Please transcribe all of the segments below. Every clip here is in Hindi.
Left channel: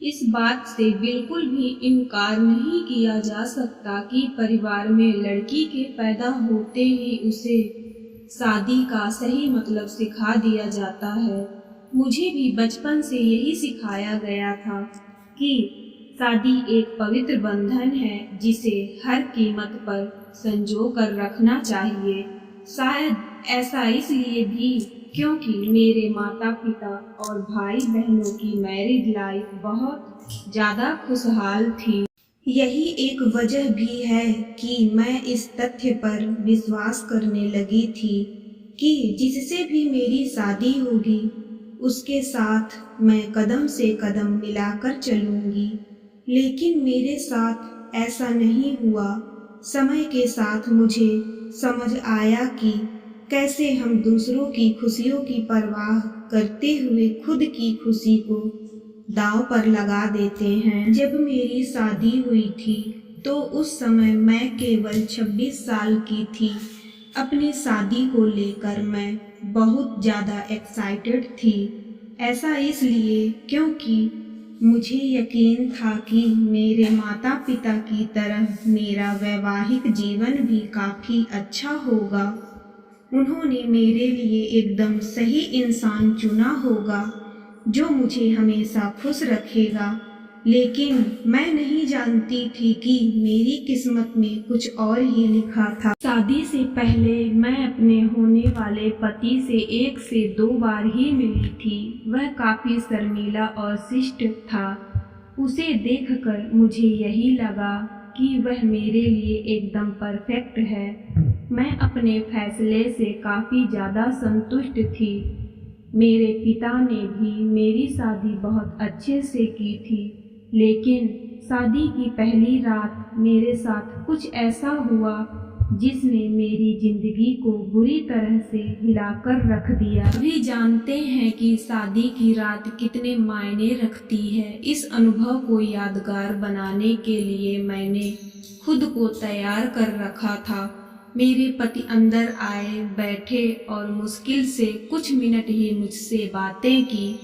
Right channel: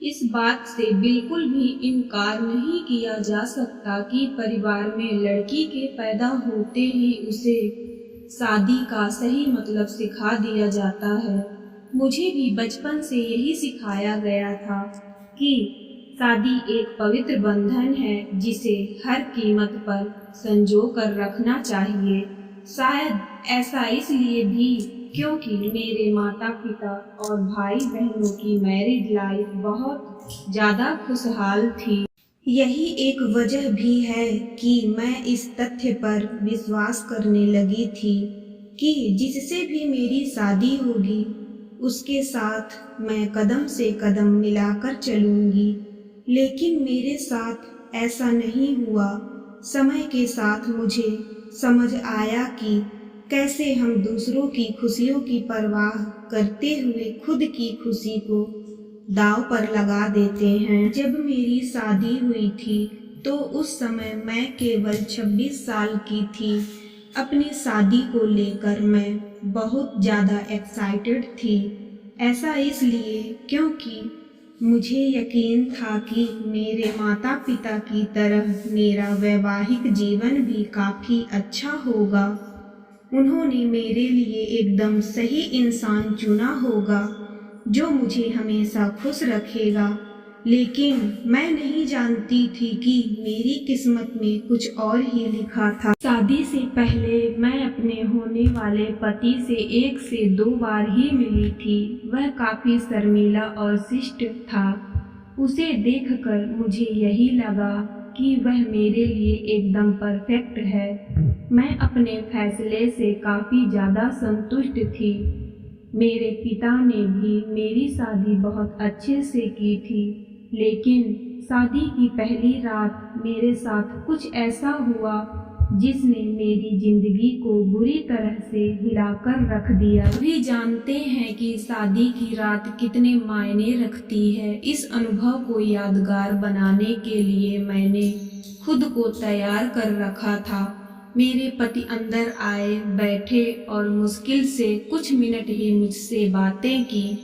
इस बात से बिल्कुल भी इनकार नहीं किया जा सकता कि परिवार में लड़की के पैदा होते ही उसे शादी का सही मतलब सिखा दिया जाता है। मुझे भी बचपन से यही सिखाया गया था कि शादी एक पवित्र बंधन है जिसे हर कीमत पर संजो कर रखना चाहिए। शायद ऐसा इसलिए भी क्योंकि मेरे माता पिता और भाई बहनों की मैरिड लाइफ बहुत ज़्यादा खुशहाल थी। यही एक वजह भी है कि मैं इस तथ्य पर विश्वास करने लगी थी कि जिससे भी मेरी शादी होगी उसके साथ मैं कदम से कदम मिलाकर चलूंगी। लेकिन मेरे साथ ऐसा नहीं हुआ। समय के साथ मुझे समझ आया कि कैसे हम दूसरों की खुशियों की परवाह करते हुए खुद की खुशी को दांव पर लगा देते हैं। जब मेरी शादी हुई थी तो उस समय मैं केवल 26 साल की थी। अपनी शादी को लेकर मैं बहुत ज़्यादा एक्साइटेड थी। ऐसा इसलिए क्योंकि मुझे यकीन था कि मेरे माता पिता की तरह मेरा वैवाहिक जीवन भी काफ़ी अच्छा होगा। उन्होंने मेरे लिए एकदम सही इंसान चुना होगा जो मुझे हमेशा खुश रखेगा। लेकिन मैं नहीं जानती थी कि मेरी किस्मत में कुछ और ही लिखा था। शादी से पहले मैं अपने होने वाले पति से 1 से 2 बार ही मिली थी। वह काफ़ी शर्मीला और शिष्ट था। उसे देखकर मुझे यही लगा कि वह मेरे लिए एकदम परफेक्ट है। मैं अपने फैसले से काफ़ी ज़्यादा संतुष्ट थी। मेरे पिता ने भी मेरी शादी बहुत अच्छे से की थी। लेकिन शादी की पहली रात मेरे साथ कुछ ऐसा हुआ जिसने मेरी ज़िंदगी को बुरी तरह से हिलाकर रख दिया। सभी जानते हैं कि शादी की रात कितने मायने रखती है। इस अनुभव को यादगार बनाने के लिए मैंने खुद को तैयार कर रखा था। मेरे पति अंदर आए, बैठे और मुश्किल से कुछ मिनट ही मुझसे बातें की।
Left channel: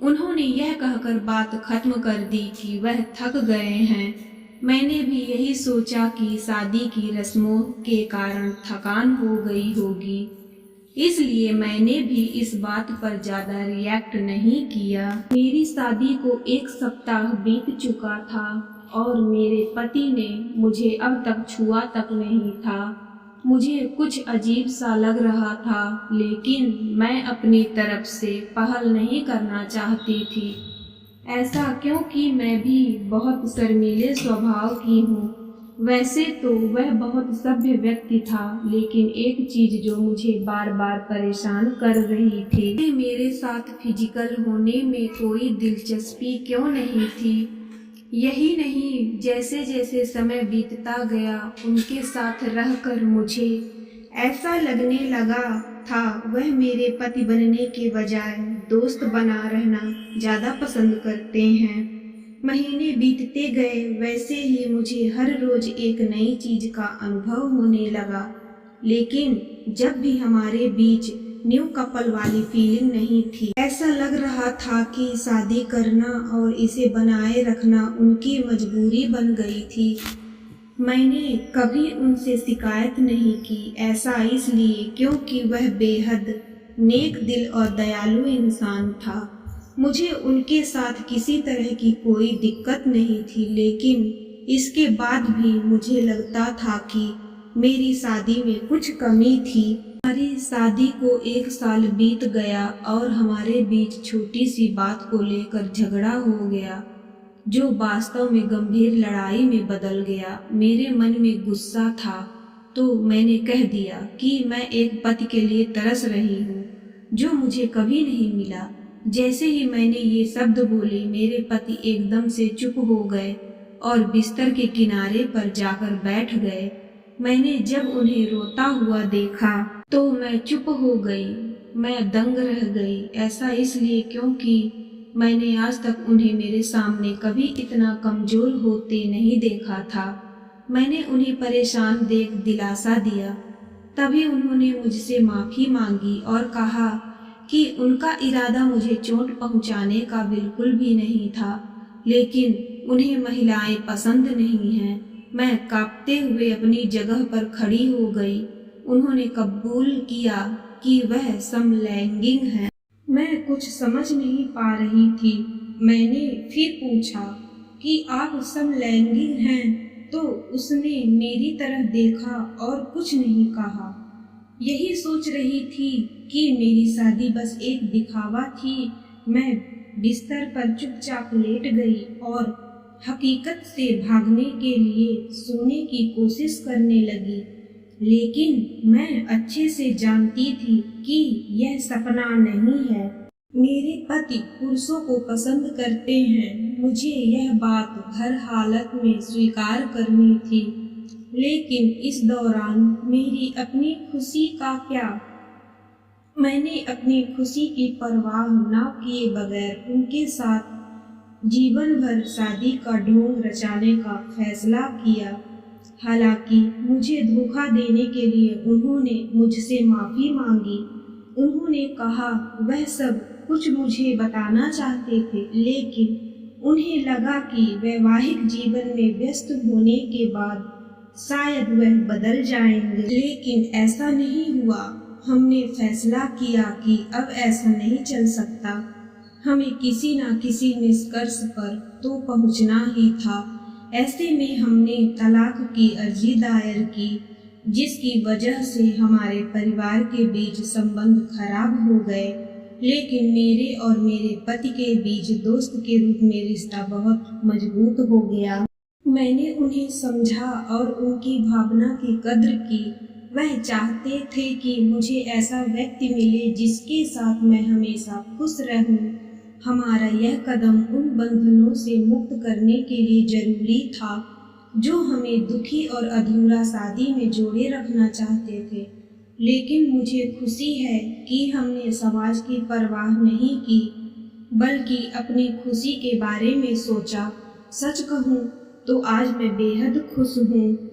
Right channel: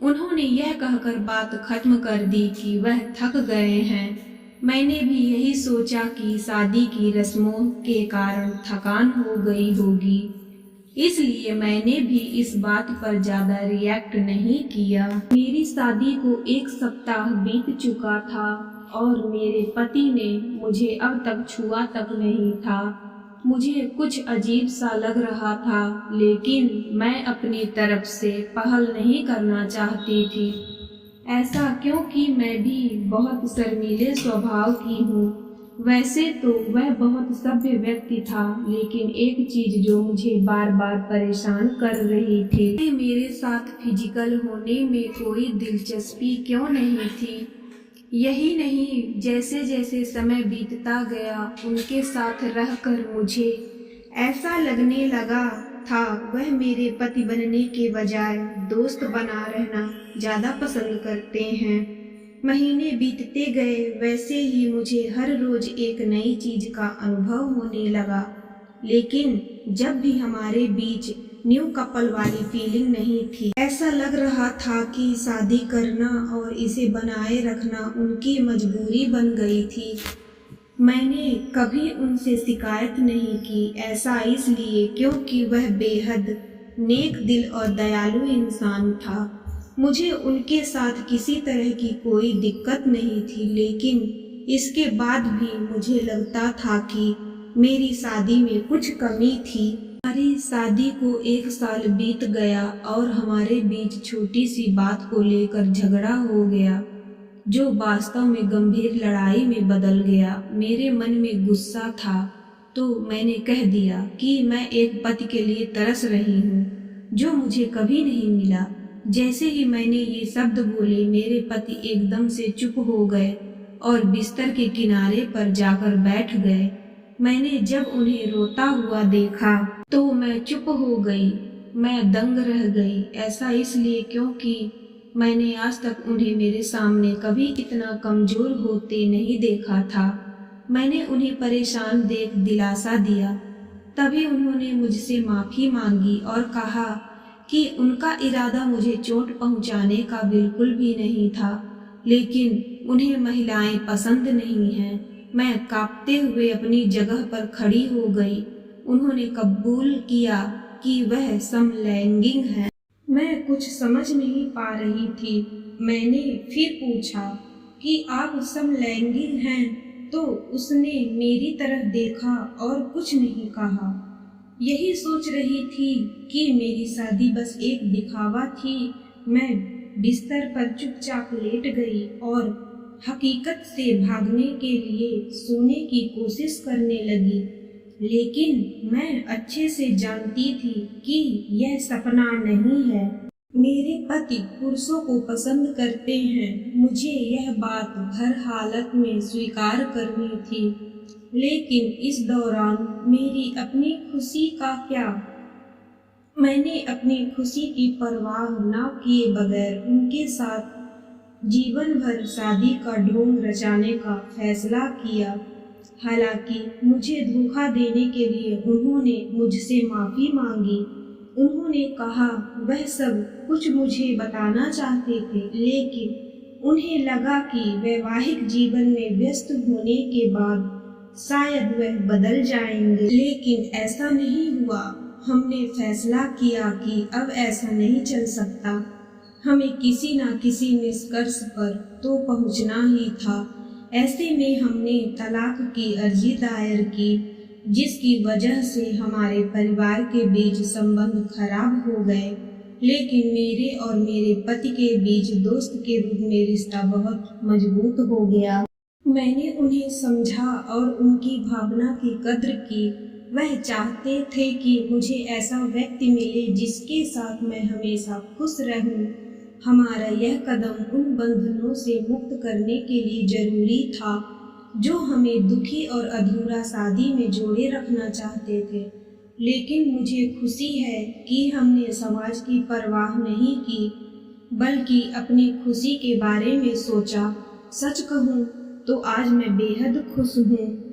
उन्होंने यह कहकर बात खत्म कर दी कि वह थक गए हैं। मैंने भी यही सोचा कि शादी की रस्मों के कारण थकान हो गई होगी, इसलिए मैंने भी इस बात पर ज़्यादा रिएक्ट नहीं किया। मेरी शादी को 1 सप्ताह बीत चुका था और मेरे पति ने मुझे अब तक छुआ तक नहीं था। मुझे कुछ अजीब सा लग रहा था, लेकिन मैं अपनी तरफ से पहल नहीं करना चाहती थी। ऐसा क्योंकि मैं भी बहुत शर्मीले स्वभाव की हूँ। वैसे तो वह बहुत सभ्य व्यक्ति था, लेकिन एक चीज़ जो मुझे बार बार परेशान कर रही थी, मेरे साथ फिजिकल होने में कोई दिलचस्पी क्यों नहीं थी। यही नहीं, जैसे जैसे समय बीतता गया उनके साथ रहकर मुझे ऐसा लगने लगा था वह मेरे पति बनने के बजाय दोस्त बना रहना ज़्यादा पसंद करते हैं। महीने बीतते गए, वैसे ही मुझे हर रोज़ एक नई चीज़ का अनुभव होने लगा। लेकिन जब भी हमारे बीच न्यू कपल वाली फीलिंग नहीं थी। ऐसा लग रहा था कि शादी करना और इसे बनाए रखना उनकी मजबूरी बन गई थी। मैंने कभी उनसे शिकायत नहीं की। ऐसा इसलिए क्योंकि वह बेहद नेक दिल और दयालु इंसान था। मुझे उनके साथ किसी तरह की कोई दिक्कत नहीं थी, लेकिन इसके बाद भी मुझे लगता था कि मेरी शादी में कुछ कमी थी। हमारी शादी को 1 साल बीत गया और हमारे बीच छोटी सी बात को लेकर झगड़ा हो गया, जो वास्तव में गंभीर लड़ाई में बदल गया। मेरे मन में गुस्सा था तो मैंने कह दिया कि मैं एक पति के लिए तरस रही हूँ जो मुझे कभी नहीं मिला। जैसे ही मैंने ये शब्द बोले, मेरे पति एकदम से चुप हो गए और बिस्तर के किनारे पर जाकर बैठ गए। मैंने जब उन्हें रोता हुआ देखा तो मैं चुप हो गई। मैं दंग रह गई। ऐसा इसलिए क्योंकि मैंने आज तक उन्हें मेरे सामने कभी इतना कमज़ोर होते नहीं देखा था। मैंने उन्हें परेशान देख दिलासा दिया। तभी उन्होंने मुझसे माफ़ी मांगी और कहा कि उनका इरादा मुझे चोट पहुंचाने का बिल्कुल भी नहीं था। लेकिन उन्हें महिलाएं पसंद नहीं हैं। मैं कांपते हुए अपनी जगह पर खड़ी हो गई। उन्होंने कबूल किया कि वह समलैंगिक है। मैं कुछ समझ नहीं पा रही थी। मैंने फिर पूछा कि आप समलैंगिक हैं? तो उसने मेरी तरफ देखा और कुछ नहीं कहा। यही सोच रही थी कि मेरी शादी बस एक दिखावा थी। मैं बिस्तर पर चुपचाप लेट गई और हकीकत से भागने के लिए सोने की कोशिश करने लगी। लेकिन मैं अच्छे से जानती थी कि यह सपना नहीं है। मेरे पति पुरुषों को पसंद करते हैं। मुझे यह बात हर हालत में स्वीकार करनी थी। लेकिन इस दौरान मेरी अपनी खुशी का क्या? मैंने अपनी खुशी की परवाह न किए बगैर उनके साथ जीवन भर शादी का ढोंग रचाने का फैसला किया। हालांकि मुझे धोखा देने के लिए उन्होंने मुझसे माफ़ी मांगी। उन्होंने कहा वह सब कुछ मुझे बताना चाहते थे, लेकिन उन्हें लगा कि वैवाहिक जीवन में व्यस्त होने के बाद शायद वह बदल जाएंगे। लेकिन ऐसा नहीं हुआ। हमने फैसला किया कि अब ऐसा नहीं चल सकता। हमें किसी न किसी निष्कर्ष पर तो पहुंचना ही था। ऐसे में हमने तलाक की अर्जी दायर की, जिसकी वजह से हमारे परिवार के बीच संबंध खराब हो गए। लेकिन मेरे और मेरे पति के बीच दोस्त के रूप में रिश्ता बहुत मजबूत हो गया। मैंने उन्हें समझा और उनकी भावना की कद्र की। वह चाहते थे कि मुझे ऐसा व्यक्ति मिले जिसके साथ मैं हमेशा खुश रहूं। हमारा यह कदम उन बंधनों से मुक्त करने के लिए जरूरी था जो हमें दुखी और अधूरा शादी में जोड़े रखना चाहते थे। लेकिन मुझे खुशी है कि हमने समाज की परवाह नहीं की, बल्कि अपनी खुशी के बारे में सोचा। सच कहूँ तो आज मैं बेहद खुश हूँ।